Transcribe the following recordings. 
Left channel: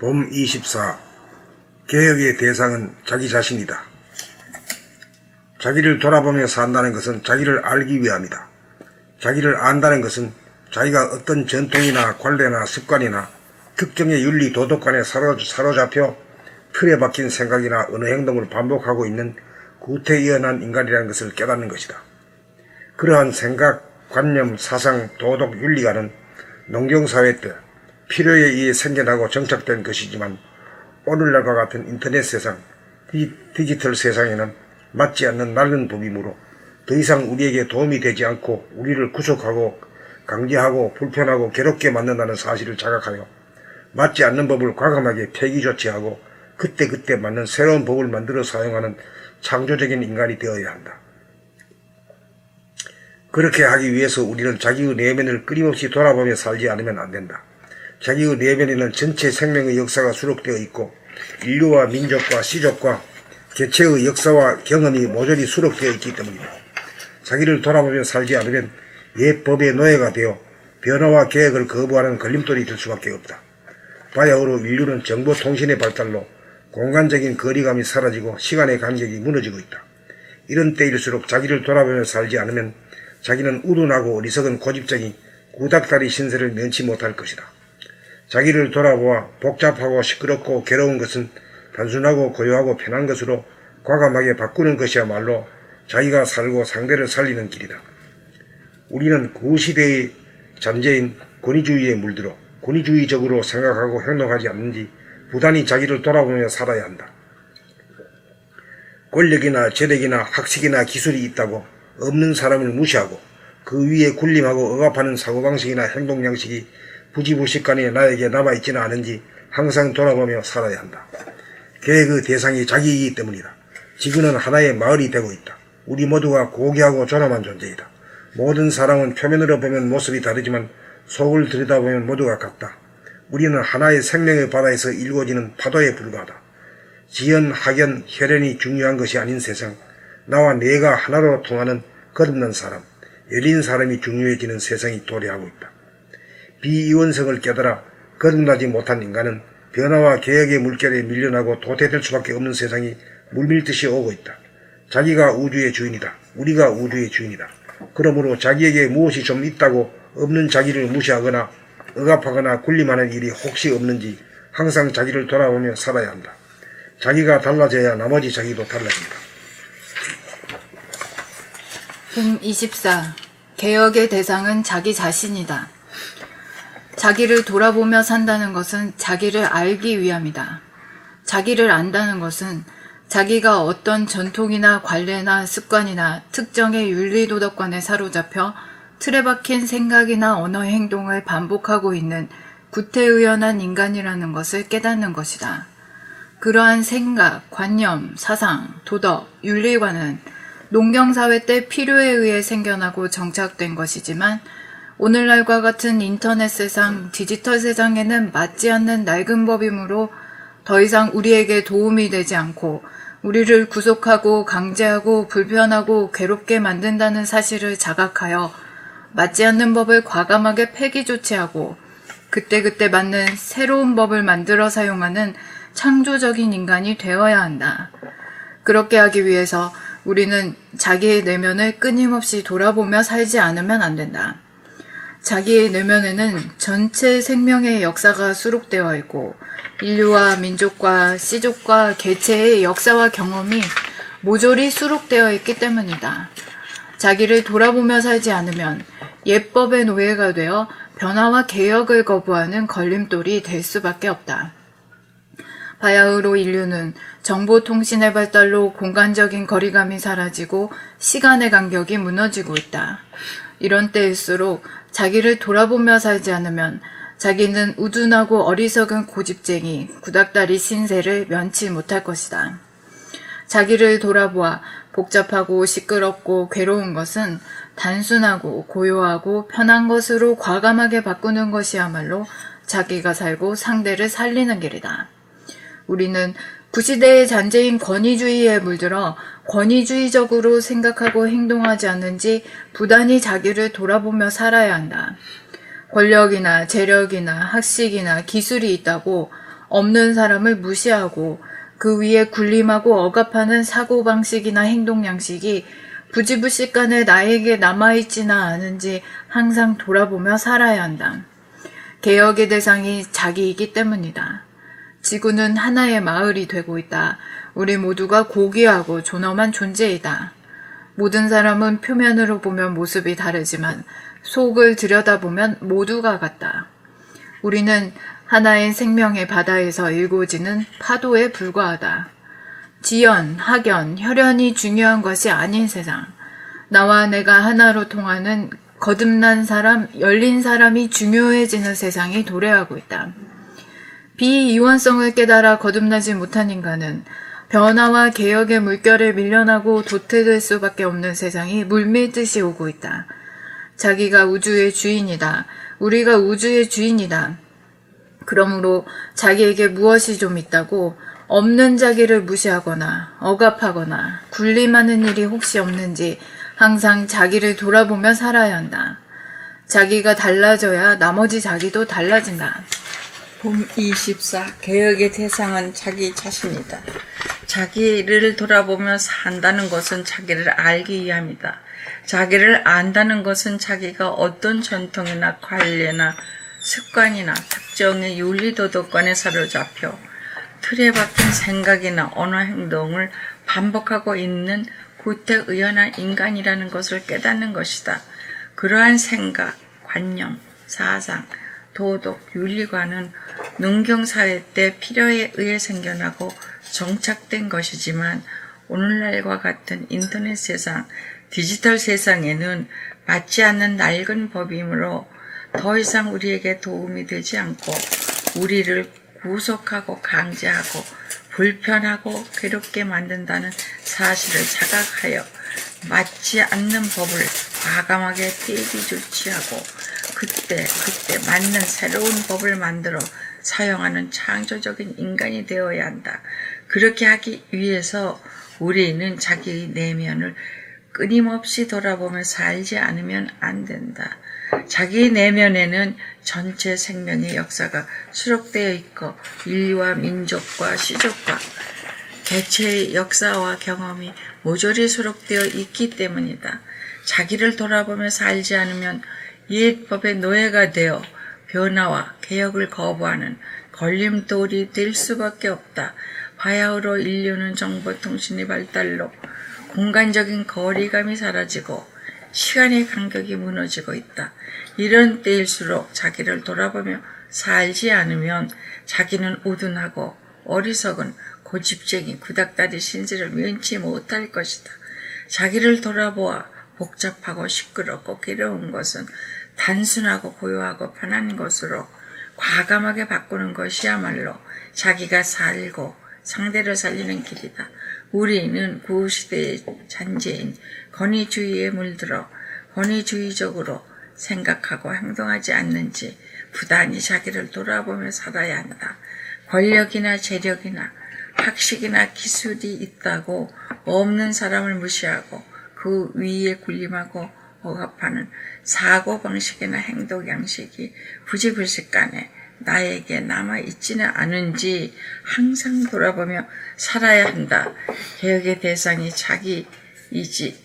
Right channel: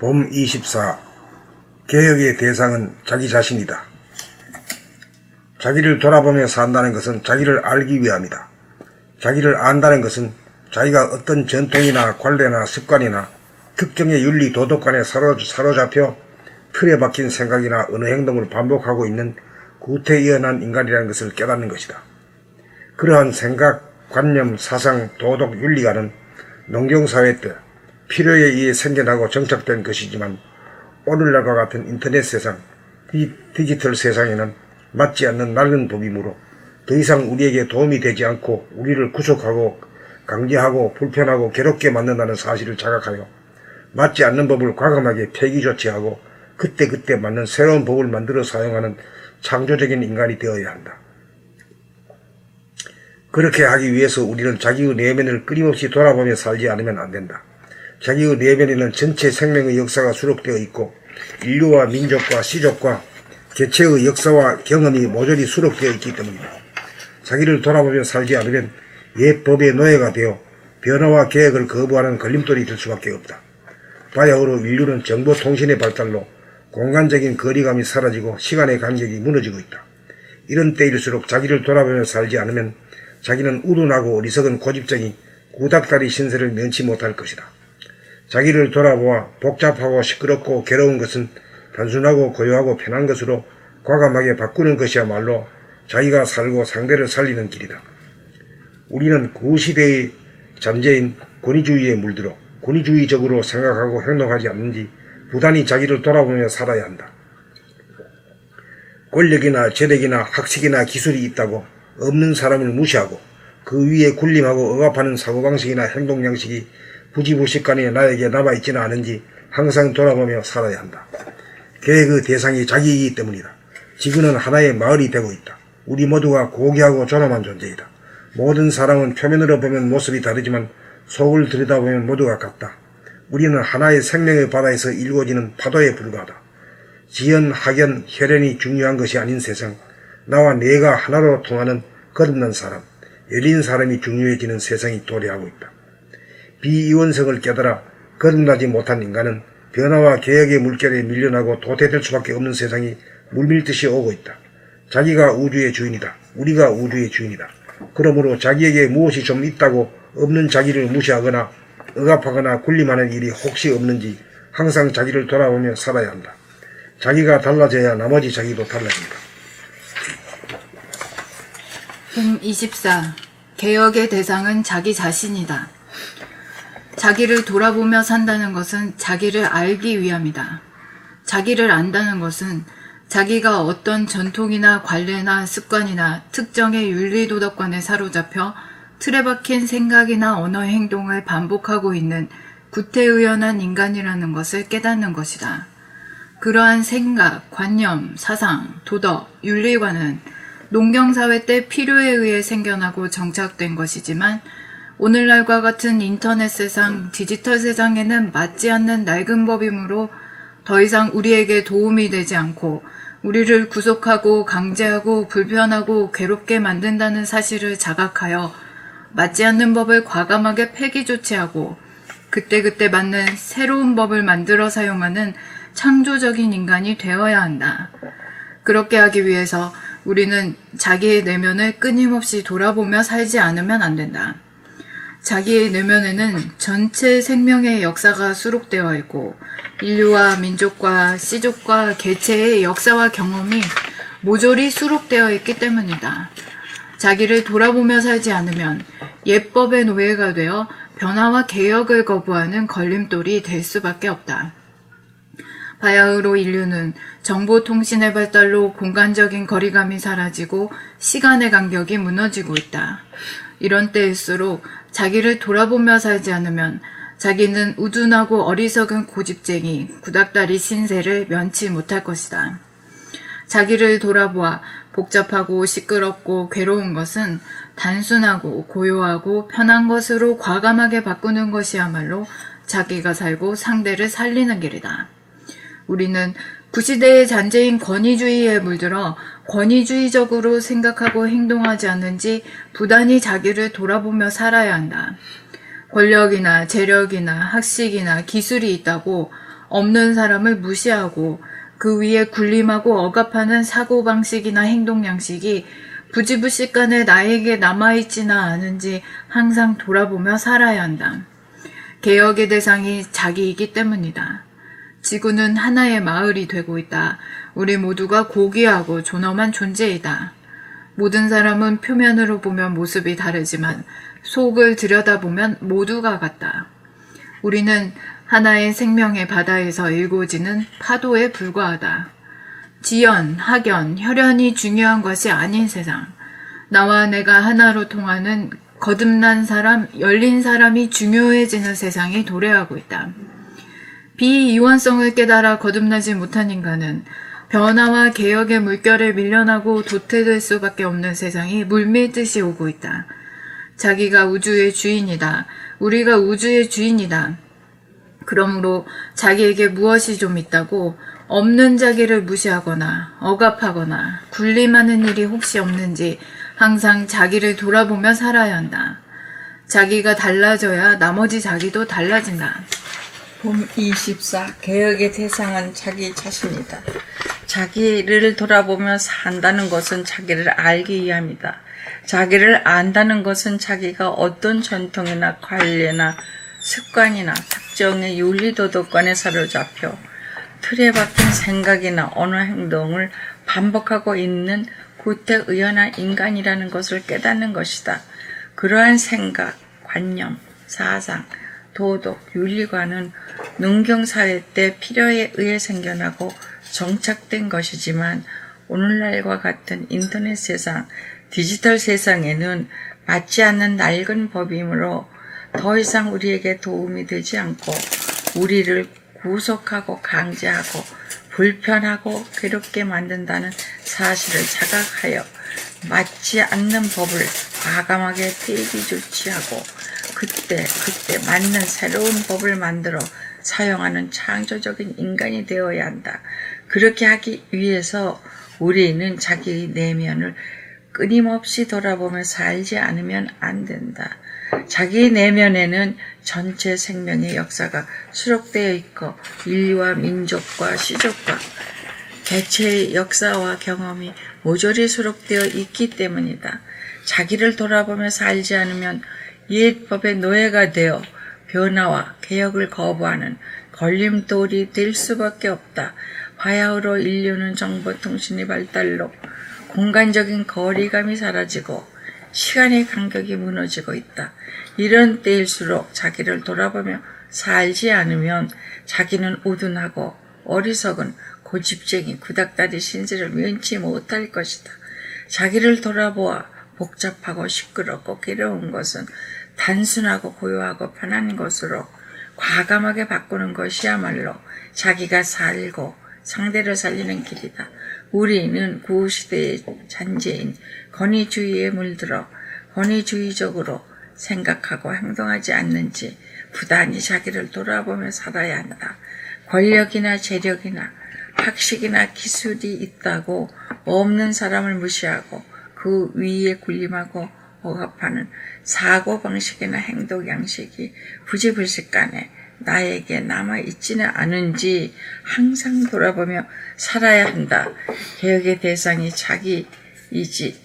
봄 24. 개혁의 대상은 자기 자신이다. 자기를 돌아보며 산다는 것은 자기를 알기 위함이다. 자기를 안다는 것은 자기가 어떤 전통이나 관례나 습관이나 특정의 윤리 도덕관에 사로잡혀 틀에 박힌 생각이나 어느 행동을 반복하고 있는 구태의연한 인간이라는 것을 깨닫는 것이다. 그러한 생각, 관념, 사상, 도덕, 윤리가는 농경사회 때 필요에 의해 생겨나고 정착된 것이지만 오늘날과 같은 인터넷 세상, 디지털 세상에는 맞지 않는 낡은 법이므로 더 이상 우리에게 도움이 되지 않고 우리를 구속하고 강제하고 불편하고 괴롭게 만든다는 사실을 자각하여 맞지 않는 법을 과감하게 폐기 조치하고 그때그때 맞는 새로운 법을 만들어 사용하는 창조적인 인간이 되어야 한다. 그렇게 하기 위해서 우리는 자기의 내면을 끊임없이 돌아보며 살지 않으면 안 된다. 자기의 내면에는 전체 생명의 역사가 수록되어 있고 인류와 민족과 시족과 개체의 역사와 경험이 모조리 수록되어 있기 때문이다. 자기를 돌아보며 살지 않으면 옛 법의 노예가 되어 변화와 개혁을 거부하는 걸림돌이 될 수밖에 없다. 바야흐로 인류는 정보통신의 발달로 공간적인 거리감이 사라지고 시간의 간격이 무너지고 있다. 이런 때일수록 자기를 돌아보며 살지 않으면 자기는 우둔하고 어리석은 고집쟁이 구닥다리 신세를 면치 못할 것이다. 자기를 돌아보아 복잡하고 시끄럽고 괴로운 것은 단순하고 고요하고 편한 것으로 과감하게 바꾸는 것이야말로 자기가 살고 상대를 살리는 길이다. 우리는 구시대의 잔재인 권위주의에 물들어 권위주의적으로 생각하고 행동하지 않는지 부단히 자기를 돌아보며 살아야 한다. 권력이나 재력이나 학식이나 기술이 있다고 없는 사람을 무시하고 그 위에 군림하고 억압하는 사고방식이나 행동양식이 부지불식간에 나에게 남아있지는 않은지 항상 돌아보며 살아야 한다. 계획의 대상이 자기이기 때문이다. 지구는 하나의 마을이 되고 있다. 우리 모두가 고귀하고 존엄한 존재이다. 모든 사람은 표면으로 보면 모습이 다르지만 속을 들여다보면 모두가 같다. 우리는 하나의 생명의 바다에서 일궈지는 파도에 불과하다. 지연, 학연, 혈연이 중요한 것이 아닌 세상, 나와 내가 하나로 통하는 거듭난 사람, 열린 사람이 중요해지는 세상이 도래하고 있다. 비이원성을 깨달아 거듭나지 못한 인간은 변화와 개혁의 물결에 밀려나고 도태될 수밖에 없는 세상이 물밀듯이 오고 있다. 자기가 우주의 주인이다. 우리가 우주의 주인이다. 그러므로 자기에게 무엇이 좀 있다고 없는 자기를 무시하거나 억압하거나 군림하는 일이 혹시 없는지 항상 자기를 돌아보며 살아야 한다. 자기가 달라져야 나머지 자기도 달라진다. 봄 24. 개혁의 대상은 자기 자신이다. 자기를 돌아보며 산다는 것은 자기를 알기 위함이다. 자기를 안다는 것은 자기가 어떤 전통이나 관례나 습관이나 특정의 윤리도덕관에 사로잡혀 틀에 박힌 생각이나 언어 행동을 반복하고 있는 구태의연한 인간이라는 것을 깨닫는 것이다. 그러한 생각, 관념, 사상, 도덕, 윤리관은 농경사회 때 필요에 의해 생겨나고 정착된 것이지만 오늘날과 같은 인터넷 세상, 디지털 세상에는 맞지 않는 낡은 법이므로 더 이상 우리에게 도움이 되지 않고 우리를 구속하고 강제하고 불편하고 괴롭게 만든다는 사실을 자각하여 맞지 않는 법을 과감하게 폐기 조치하고 그때그때 맞는 새로운 법을 만들어 사용하는 창조적인 인간이 되어야 한다. 그렇게 하기 위해서 우리는 자기의 내면을 끊임없이 돌아보며 살지 않으면 안 된다. 자기의 내면에는 전체 생명의 역사가 수록되어 있고 인류와 민족과 시족과 개체의 역사와 경험이 모조리 수록되어 있기 때문이다. 자기를 돌아보며 살지 않으면 옛법의 노예가 되어 변화와 개혁을 거부하는 걸림돌이 될 수밖에 없다. 바야흐로 인류는 정보통신의 발달로 공간적인 거리감이 사라지고 시간의 간격이 무너지고 있다. 이런 때일수록 자기를 돌아보며 살지 않으면 자기는 우둔하고 어리석은 고집쟁이, 구닥다리 신세를 면치 못할 것이다. 자기를 돌아보아 복잡하고 시끄럽고 괴로운 것은 단순하고 고요하고 편한 것으로 과감하게 바꾸는 것이야말로 자기가 살고 상대를 살리는 길이다. 우리는 구시대의 잔재인 권위주의에 물들어 권위주의적으로 생각하고 행동하지 않는지 부단히 자기를 돌아보며 살아야 한다. 권력이나 재력이나 학식이나 기술이 있다고 없는 사람을 무시하고 그 위에 군림하고 억압하는 사고방식이나 행동 양식이 부지불식간에 나에게 남아있지나 않은지 항상 돌아보며 살아야 한다. 개혁의 대상이 자기이기 때문이다. 지구는 하나의 마을이 되고 있다. 우리 모두가 고귀하고 존엄한 존재이다. 모든 사람은 표면으로 보면 모습이 다르지만 속을 들여다보면 모두가 같다. 우리는 하나의 생명의 바다에서 일고지는 파도에 불과하다. 지연, 학연, 혈연이 중요한 것이 아닌 세상. 나와 내가 하나로 통하는 거듭난 사람, 열린 사람이 중요해지는 세상이 도래하고 있다. 비이원성을 깨달아 거듭나지 못한 인간은 변화와 개혁의 물결에 밀려나고 도태될 수밖에 없는 세상이 물밀듯이 오고 있다. 자기가 우주의 주인이다. 우리가 우주의 주인이다. 그러므로 자기에게 무엇이 좀 있다고 없는 자기를 무시하거나 억압하거나 군림하는 일이 혹시 없는지 항상 자기를 돌아보며 살아야 한다. 자기가 달라져야 나머지 자기도 달라진다. 봄 24. 개혁의 대상은 자기 자신이다. 자기를 돌아보며 산다는 것은 자기를 알기 위함이다. 자기를 안다는 것은 자기가 어떤 전통이나 관례나 습관이나 특정의 윤리도덕관에 사로잡혀 틀에 박힌 생각이나 언어 행동을 반복하고 있는 구태의연한 인간이라는 것을 깨닫는 것이다. 그러한 생각, 관념, 사상, 도덕, 윤리관은 농경사회 때 필요에 의해 생겨나고 정착된 것이지만 오늘날과 같은 인터넷 세상, 디지털 세상에는 맞지 않는 낡은 법이므로 더 이상 우리에게 도움이 되지 않고 우리를 구속하고 강제하고 불편하고 괴롭게 만든다는 사실을 자각하여 맞지 않는 법을 과감하게 폐기 조치하고 그때 맞는 새로운 법을 만들어 사용하는 창조적인 인간이 되어야 한다. 그렇게 하기 위해서 우리는 자기 내면을 끊임없이 돌아보며 살지 않으면 안 된다. 자기 내면에는 전체 생명의 역사가 수록되어 있고 인류와 민족과 시족과 개체의 역사와 경험이 모조리 수록되어 있기 때문이다. 자기를 돌아보며 살지 않으면 옛 법의 노예가 되어 변화와 개혁을 거부하는 걸림돌이 될 수밖에 없다. 바야흐로 인류는 정보통신의 발달로 공간적인 거리감이 사라지고 시간의 간격이 무너지고 있다. 이런 때일수록 자기를 돌아보며 살지 않으면 자기는 우둔하고 어리석은 고집쟁이 구닥다리 신세를 면치 못할 것이다. 자기를 돌아보아 복잡하고 시끄럽고 괴로운 것은 단순하고 고요하고 편한 것으로 과감하게 바꾸는 것이야말로 자기가 살고 상대를 살리는 길이다. 우리는 구시대의 잔재인 권위주의에 물들어 권위주의적으로 생각하고 행동하지 않는지 부단히 자기를 돌아보며 살아야 한다. 권력이나 재력이나 학식이나 기술이 있다고 없는 사람을 무시하고 그 위에 군림하고 억압하는 사고방식이나 행동 양식이 부지불식간에 나에게 남아있지는 않은지 항상 돌아보며 살아야 한다. 개혁의 대상이 자기이지.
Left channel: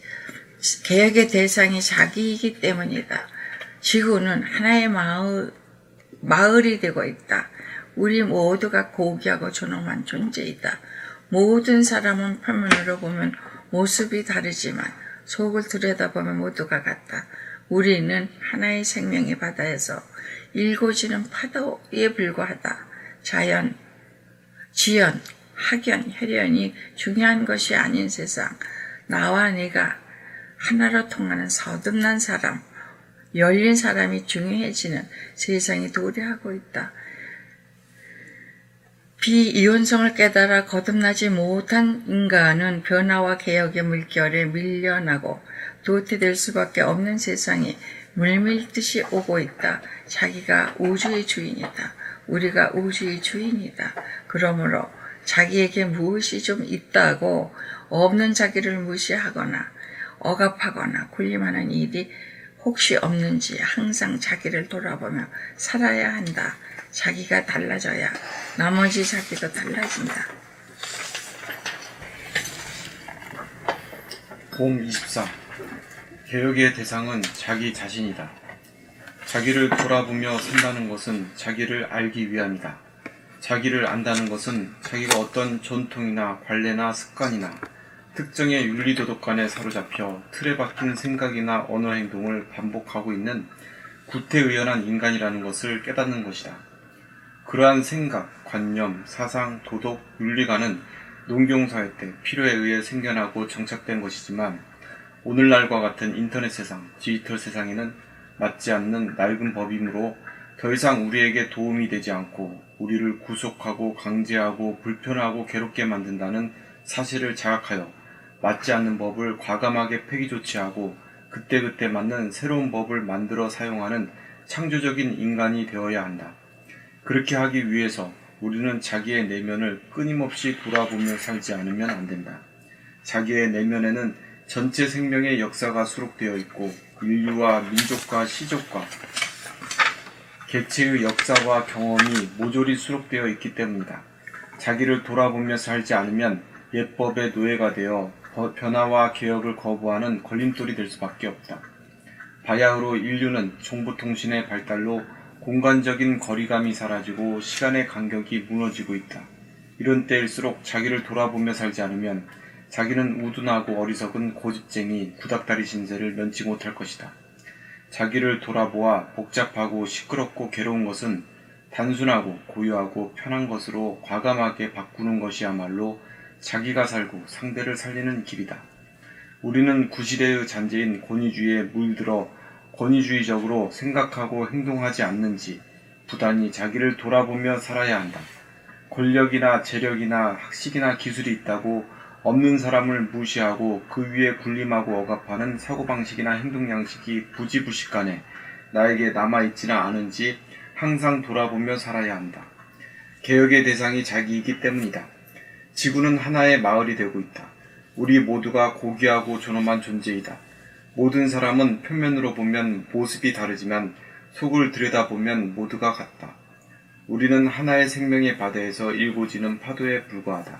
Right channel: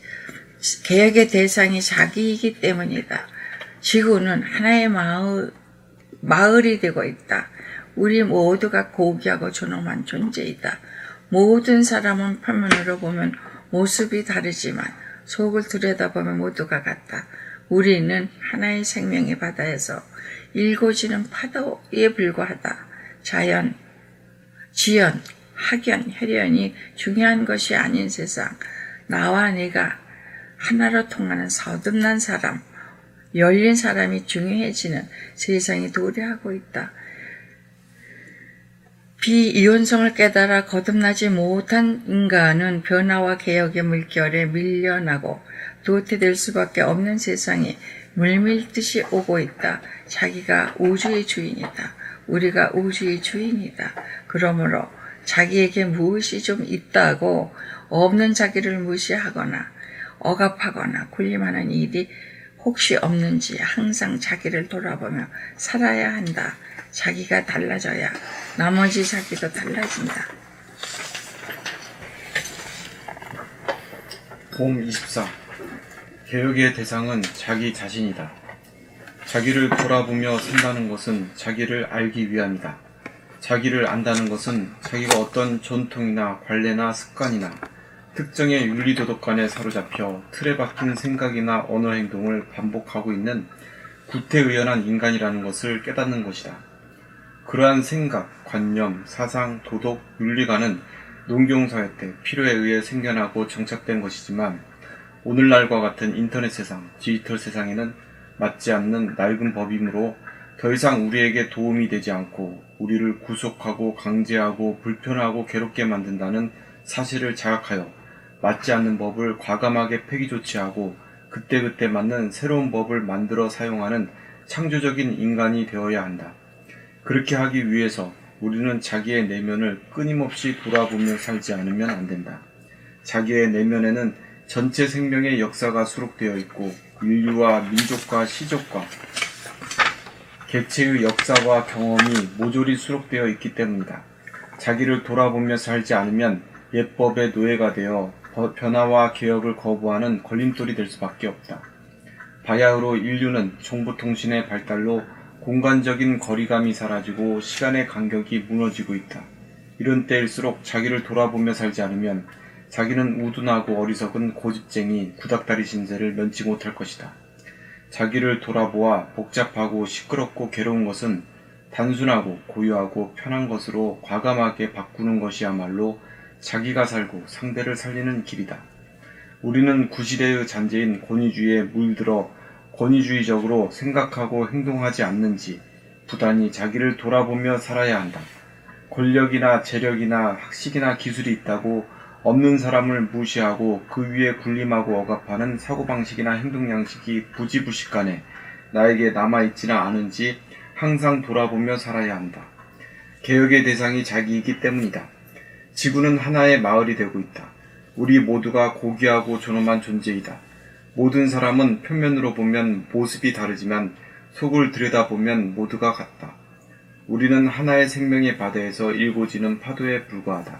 개혁의 대상이 자기이기 때문이다. 지구는 하나의 마을이 되고 있다. 우리 모두가 고귀하고 존엄한 존재이다. 모든 사람은 표면으로 보면 모습이 다르지만 속을 들여다보면 모두가 같다. 우리는 하나의 생명의 바다에서 일고지는 파도에 불과하다. 지연, 학연, 혈연이 중요한 것이 아닌 세상. 나와 내가 하나로 통하는 거듭난 사람, 열린 사람이 중요해지는 세상이 도래하고 있다. 비이원성을 깨달아 거듭나지 못한 인간은 변화와 개혁의 물결에 밀려나고 도태될 수밖에 없는 세상이 물밀듯이 오고 있다. 자기가 우주의 주인이다. 우리가 우주의 주인이다. 그러므로 자기에게 무엇이 좀 있다고 없는 자기를 무시하거나 억압하거나 군림하는 일이 혹시 없는지 항상 자기를 돌아보며 살아야 한다. 자기가 달라져야 나머지 자기도 달라진다. 봄 24. 개혁의 대상은 자기 자신이다. 자기를 돌아보며 산다는 것은 자기를 알기 위함이다. 자기를 안다는 것은 자기가 어떤 전통이나 관례나 습관이나 특정의 윤리도덕관에 사로잡혀 틀에 박힌 생각이나 언어 행동을 반복하고 있는 구태의연한 인간이라는 것을 깨닫는 것이다. 그러한 생각, 관념, 사상, 도덕, 윤리관은 농경사회 때 필요에 의해 생겨나고 정착된 것이지만 오늘날과 같은 인터넷 세상, 디지털 세상에는 맞지 않는 낡은 법이므로 더 이상 우리에게 도움이 되지 않고 우리를 구속하고 강제하고 불편하고 괴롭게 만든다는 사실을 자각하여 맞지 않는 법을 과감하게 폐기 조치하고 그때그때 맞는 새로운 법을 만들어 사용하는 창조적인 인간이 되어야 한다. 그렇게 하기 위해서 우리는 자기의 내면을 끊임없이 돌아보며 살지 않으면 안 된다. 자기의 내면에는 전체 생명의 역사가 수록되어 있고 인류와 민족과 시족과 개체의 역사와 경험이 모조리 수록되어 있기 때문이다. 자기를 돌아보며 살지 않으면 옛법의 노예가 되어 변화와 개혁을 거부하는 걸림돌이 될 수밖에 없다. 바야흐로 인류는 정보통신의 발달로 공간적인 거리감이 사라지고 시간의 간격이 무너지고 있다. 이런 때일수록 자기를 돌아보며 살지 않으면 자기는 우둔하고 어리석은 고집쟁이 구닥다리 신세를 면치 못할 것이다. 자기를 돌아보아 복잡하고 시끄럽고 괴로운 것은 단순하고 고유하고 편한 것으로 과감하게 바꾸는 것이야말로 자기가 살고 상대를 살리는 길이다. 우리는 구시대의 잔재인 권위주의에 물들어 권위주의적으로 생각하고 행동하지 않는지 부단히 자기를 돌아보며 살아야 한다. 권력이나 재력이나 학식이나 기술이 있다고 없는 사람을 무시하고 그 위에 군림하고 억압하는 사고방식이나 행동양식이 부지부식간에 나에게 남아있지는 않은지 항상 돌아보며 살아야 한다. 개혁의 대상이 자기이기 때문이다. 지구는 하나의 마을이 되고 있다. 우리 모두가 고귀하고 존엄한 존재이다. 모든 사람은 표면으로 보면 모습이 다르지만 속을 들여다보면 모두가 같다. 우리는 하나의 생명의 바다에서 일고지는 파도에 불과하다.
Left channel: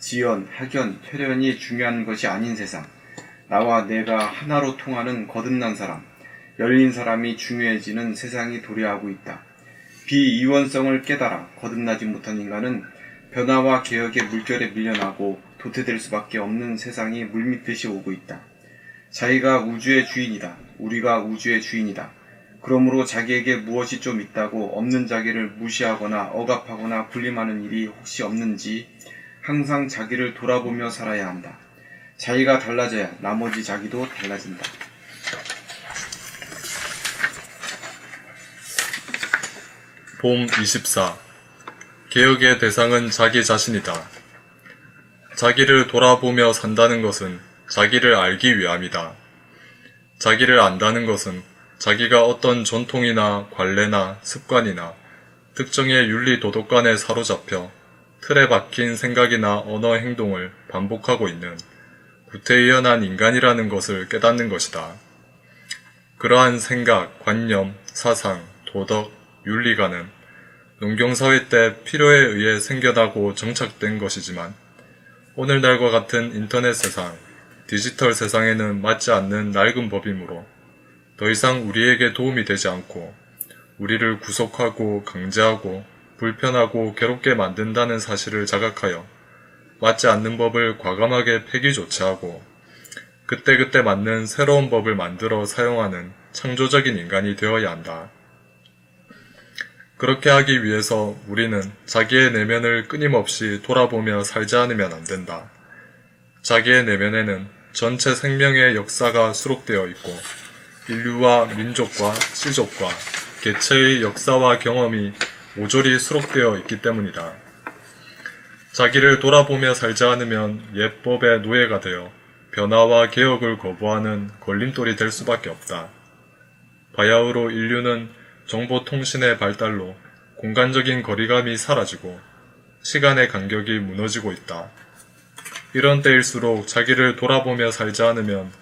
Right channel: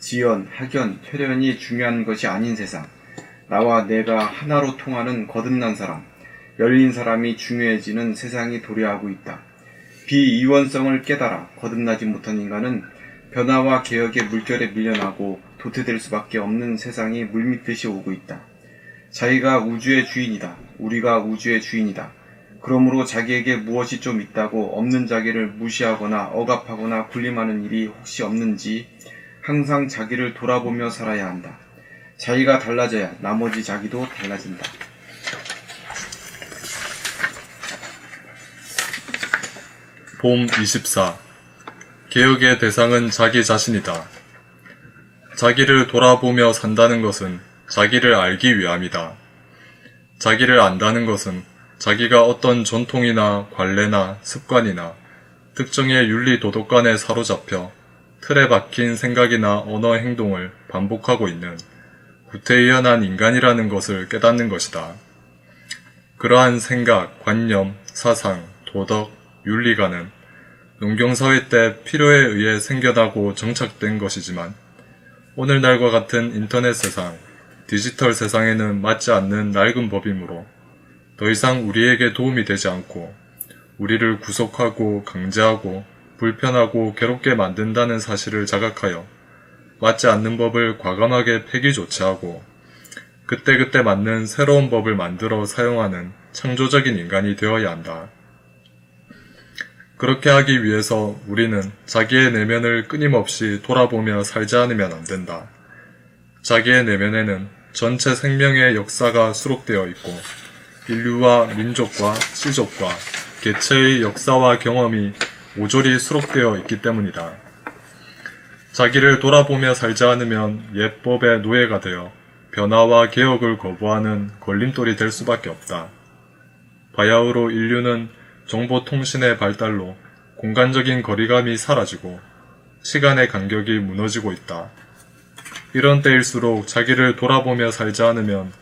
지연, 학연, 혈연이 중요한 것이 아닌 세상, 나와 내가 하나로 통하는 거듭난 사람, 열린 사람이 중요해지는 세상이 도래하고 있다. 비이원성을 깨달아 거듭나지 못한 인간은 변화와 개혁의 물결에 밀려나고 도태될 수밖에 없는 세상이 물밀듯이 오고 있다. 자기가 우주의 주인이다. 우리가 우주의 주인이다. 그러므로 자기에게 무엇이 좀 있다고 없는 자기를 무시하거나 억압하거나 군림하는 일이 혹시 없는지 항상 자기를 돌아보며 살아야 한다. 자기가 달라져야 나머지 자기도 달라진다. 봄 24. 개혁의 대상은 자기 자신이다. 자기를 돌아보며 산다는 것은 자기를 알기 위함이다. 자기를 안다는 것은 자기가 어떤 전통이나 관례나 습관이나 특정의 윤리 도덕관에 사로잡혀 틀에 박힌 생각이나 언어 행동을 반복하고 있는 구태의연한 인간이라는 것을 깨닫는 것이다. 그러한 생각, 관념, 사상, 도덕, 윤리관은 농경사회 때 필요에 의해 생겨나고 정착된 것이지만 오늘날과 같은 인터넷 세상, 디지털 세상에는 맞지 않는 낡은 법이므로 더 이상 우리에게 도움이 되지 않고 우리를 구속하고 강제하고 불편하고 괴롭게 만든다는 사실을 자각하여 맞지 않는 법을 과감하게 폐기 조치하고 그때그때 맞는 새로운 법을 만들어 사용하는 창조적인 인간이 되어야 한다. 그렇게 하기 위해서 우리는 자기의 내면을 끊임없이 돌아보며 살지 않으면 안 된다. 자기의 내면에는 전체 생명의 역사가 수록되어 있고 인류와 민족과 시족과 개체의 역사와 경험이 모조리 수록되어 있기 때문이다. 자기를 돌아보며 살지 않으면 옛법의 노예가 되어 변화와 개혁을 거부하는 걸림돌이 될 수밖에 없다. 바야흐로 인류는 정보통신의 발달로 공간적인 거리감이 사라지고 시간의 간격이 무너지고 있다. 이런 때일수록 자기를 돌아보며 살지 않으면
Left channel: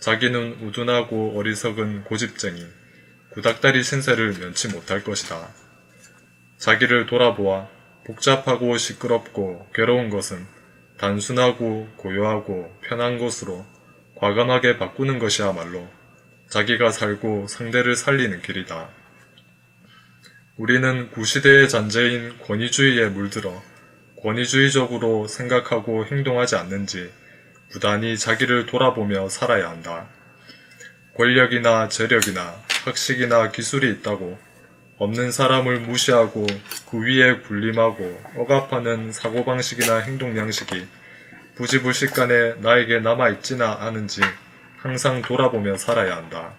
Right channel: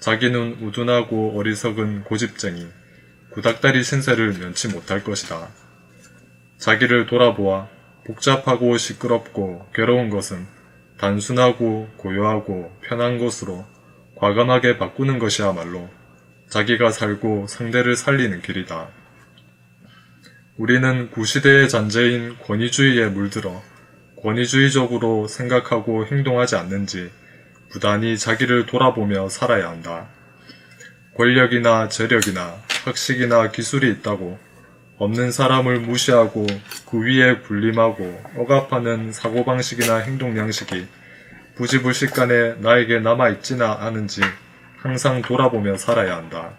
자기는 우둔하고 어리석은 고집쟁이, 구닥다리 신세를 면치 못할 것이다. 자기를 돌아보아 복잡하고 시끄럽고 괴로운 것은 단순하고 고요하고 편한 것으로 과감하게 바꾸는 것이야말로 자기가 살고 상대를 살리는 길이다. 우리는 구시대의 잔재인 권위주의에 물들어 권위주의적으로 생각하고 행동하지 않는지 부단히 자기를 돌아보며 살아야 한다. 권력이나 재력이나 학식이나 기술이 있다고 없는 사람을 무시하고 그 위에 군림하고 억압하는 사고방식이나 행동 양식이 부지불식간에 나에게 남아있지나 않은지 항상 돌아보며 살아야 한다.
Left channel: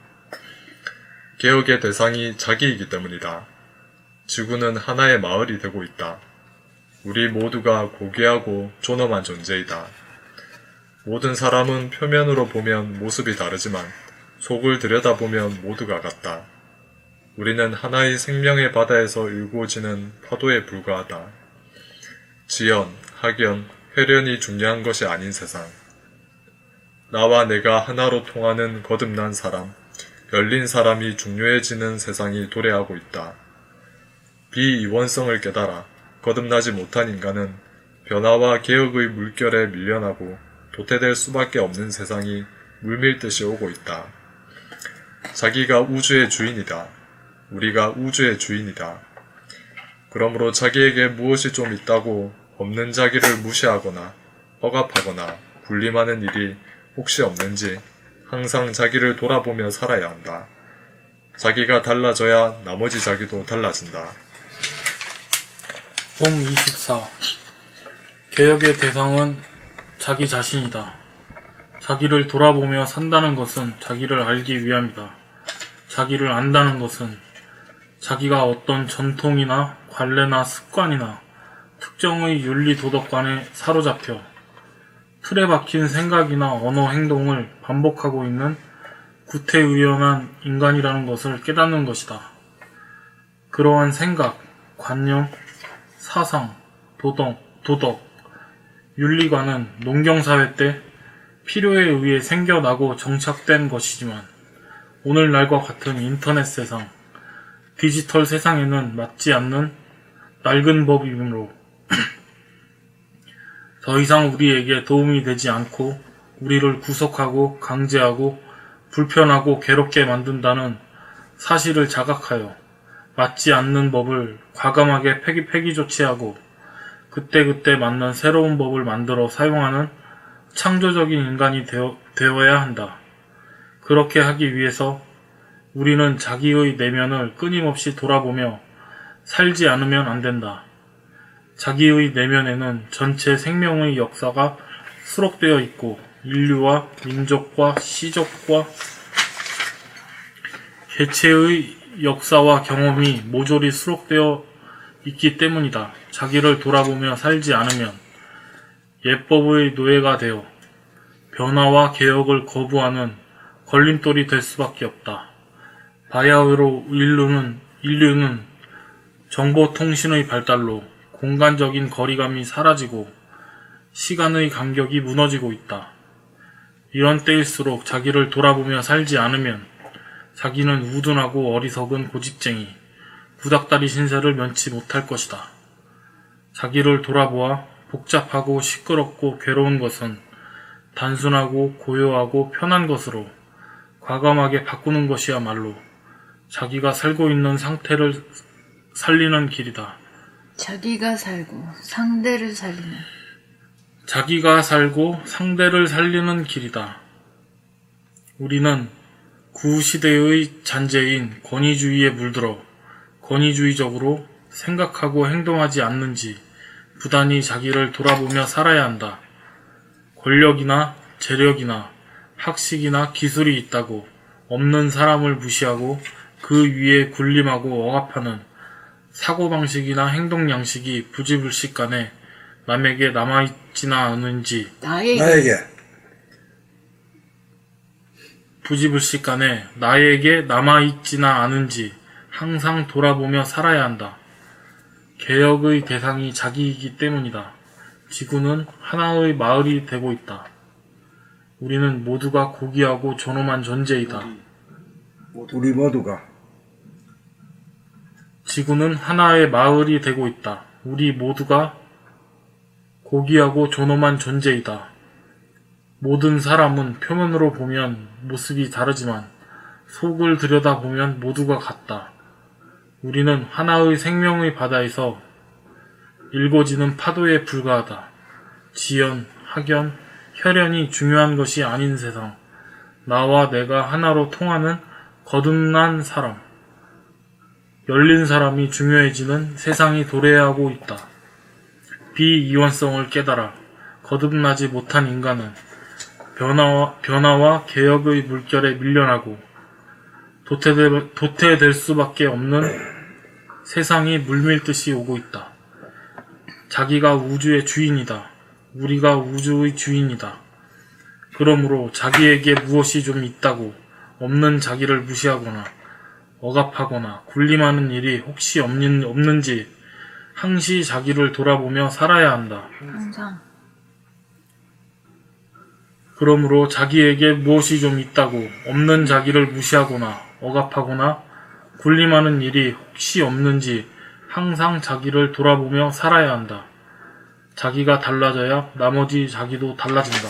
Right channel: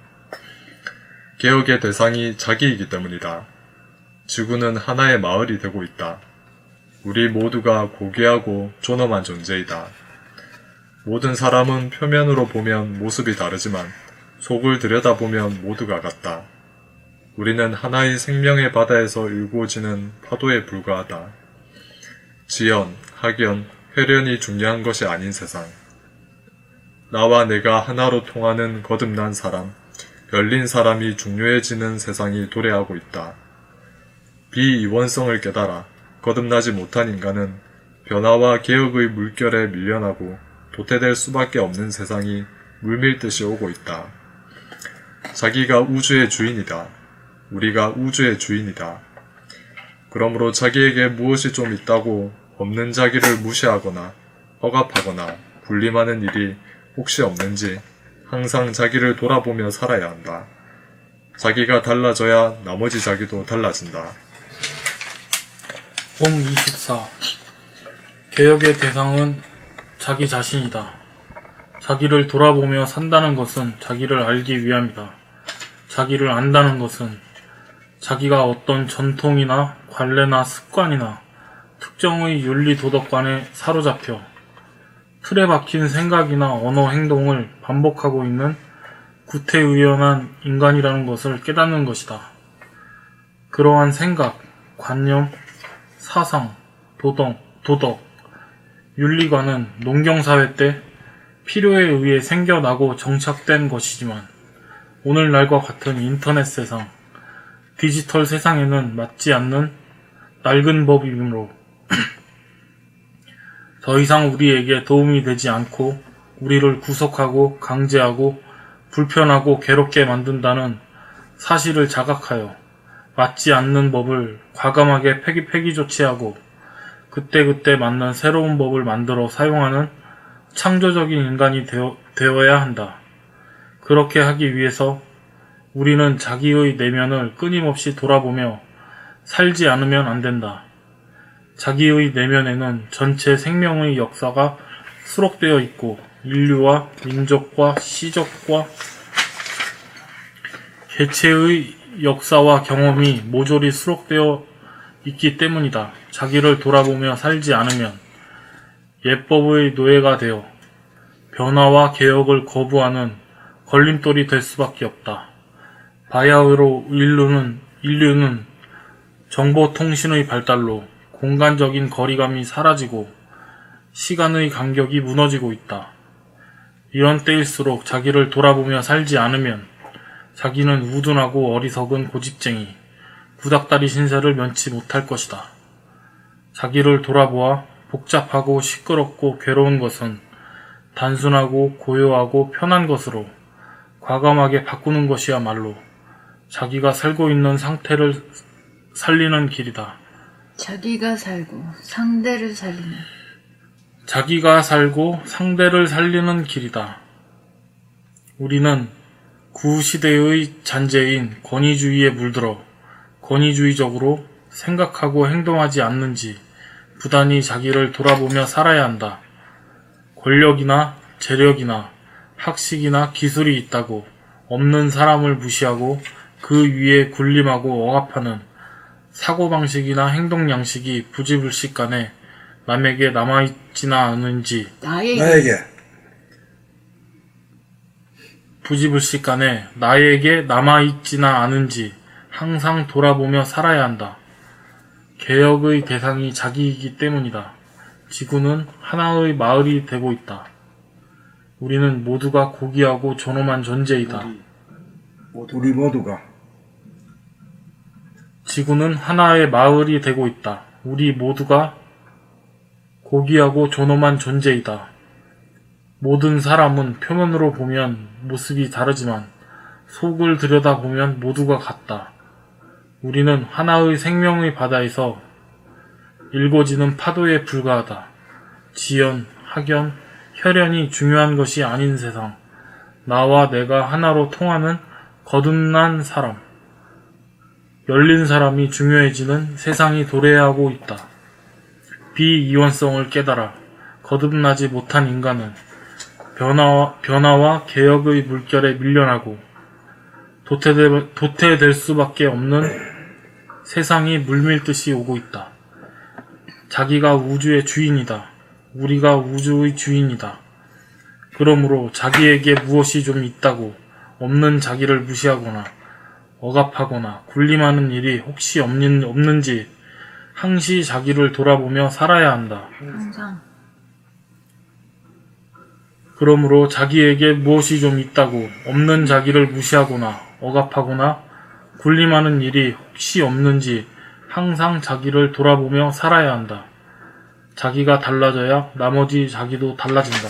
개혁의 대상이 자기이기 때문이다. 지구는 하나의 마을이 되고 있다. 우리 모두가 고귀하고 존엄한 존재이다. 모든 사람은 표면으로 보면 모습이 다르지만 속을 들여다보면 모두가 같다. 우리는 하나의 생명의 바다에서 일구어지는 파도에 불과하다. 지연, 학연, 회련이 중요한 것이 아닌 세상. 나와 내가 하나로 통하는 거듭난 사람, 열린 사람이 중요해지는 세상이 도래하고 있다. 비이원성을 깨달아 거듭나지 못한 인간은 변화와 개혁의 물결에 밀려나고 도태될 수밖에 없는 세상이 물밀듯이 오고 있다. 자기가 우주의 주인이다. 우리가 우주의 주인이다. 그러므로 자기에게 무엇이 좀 있다고 없는 자기를 무시하거나 억압하거나 군림하는 일이 혹시 없는지 항상 자기를 돌아보며 살아야 한다. 자기가 달라져야 나머지 자기도 달라진다. 봄 24. 개혁의 대상은 자기 자신이다. 자기를 돌아보며 산다는 것은 자기를 알기 위함이다. 자기를 안다는 것은 자기가 어떤 전통이나 관례나 습관이나 특정의 윤리 도덕관에 사로잡혀 틀에 박힌 생각이나 언어 행동을 반복하고 있는 구태의연한 인간이라는 것을 깨닫는 것이다. 그러한 생각, 관념, 사상, 도덕, 윤리관은 농경사회 때 필요에 의해 생겨나고 정착된 것이지만 오늘날과 같은 인터넷 세상, 디지털 세상에는 맞지 않는 낡은 법이므로 더 이상 우리에게 도움이 되지 않고 우리를 구속하고 강제하고 불편하고 괴롭게 만든다는 사실을 자각하여 맞지 않는 법을 과감하게 폐기 조치하고 그때그때 맞는 새로운 법을 만들어 사용하는 창조적인 인간이 되어야 한다. 그렇게 하기 위해서 우리는 자기의 내면을 끊임없이 돌아보며 살지 않으면 안 된다. 자기의 내면에는 전체 생명의 역사가 수록되어 있고 인류와 민족과 시족과 개체의 역사와 경험이 모조리 수록되어 있기 때문이다. 자기를 돌아보며 살지 않으면 예법의 노예가 되어 변화와 개혁을 거부하는 걸림돌이 될 수밖에 없다. 바야흐로 인류는 정보통신의 발달로 공간적인 거리감이 사라지고 시간의 간격이 무너지고 있다. 이런 때일수록 자기를 돌아보며 살지 않으면 자기는 우둔하고 어리석은 고집쟁이, 구닥다리 신세를 면치 못할 것이다. 자기를 돌아보아 복잡하고 시끄럽고 괴로운 것은 단순하고 고요하고 편한 것으로 과감하게 바꾸는 것이야말로 자기가 살고 있는 상태를 살리는 길이다. 자기가 살고 상대를 살리는 자기가 살고 상대를 살리는 길이다. 우리는 구시대의 잔재인 권위주의에 물들어 권위주의적으로 생각하고 행동하지 않는지 부단히 자기를 돌아보며 살아야 한다. 권력이나 재력이나 학식이나 기술이 있다고 없는 사람을 무시하고 그 위에 군림하고 억압하는 사고방식이나 행동 양식이 부지불식간에 남에게 남아있지나 않은지 나에게 부지불식간에 나에게 남아있지나 않은지 항상 돌아보며 살아야 한다. 개혁의 대상이 자기이기 때문이다. 지구는 하나의 마을이 되고 있다. 우리는 모두가 고귀하고 존엄한 존재이다. 우리 모두가 지구는 하나의 마을이 되고 있다. 우리 모두가 고귀하고 존엄한 존재이다. 모든 사람은 표면으로 보면 모습이 다르지만 속을 들여다보면 모두가 같다. 우리는 하나의 생명의 바다에서 일궈지는 파도에 불과하다. 지연, 학연, 혈연이 중요한 것이 아닌 세상. 나와 내가 하나로 통하는 거듭난 사람. 열린 사람이 중요해지는 세상이 도래하고 있다. 비이원성을 깨달아 거듭나지 못한 인간은 변화와 개혁의 물결에 밀려나고 도태될 수밖에 없는 세상이 물밀듯이 오고 있다. 자기가 우주의 주인이다. 우리가 우주의 주인이다. 그러므로 자기에게 무엇이 좀 있다고 없는 자기를 무시하거나 억압하거나 군림하는 일이 혹시 없는지 항시 자기를 돌아보며 살아야 한다. 항상. 그러므로 자기에게 무엇이 좀 있다고 없는 자기를 무시하거나 억압하거나 군림하는 일이 혹시 없는지 항상 자기를 돌아보며 살아야 한다. 자기가 달라져야 나머지 자기도 달라진다.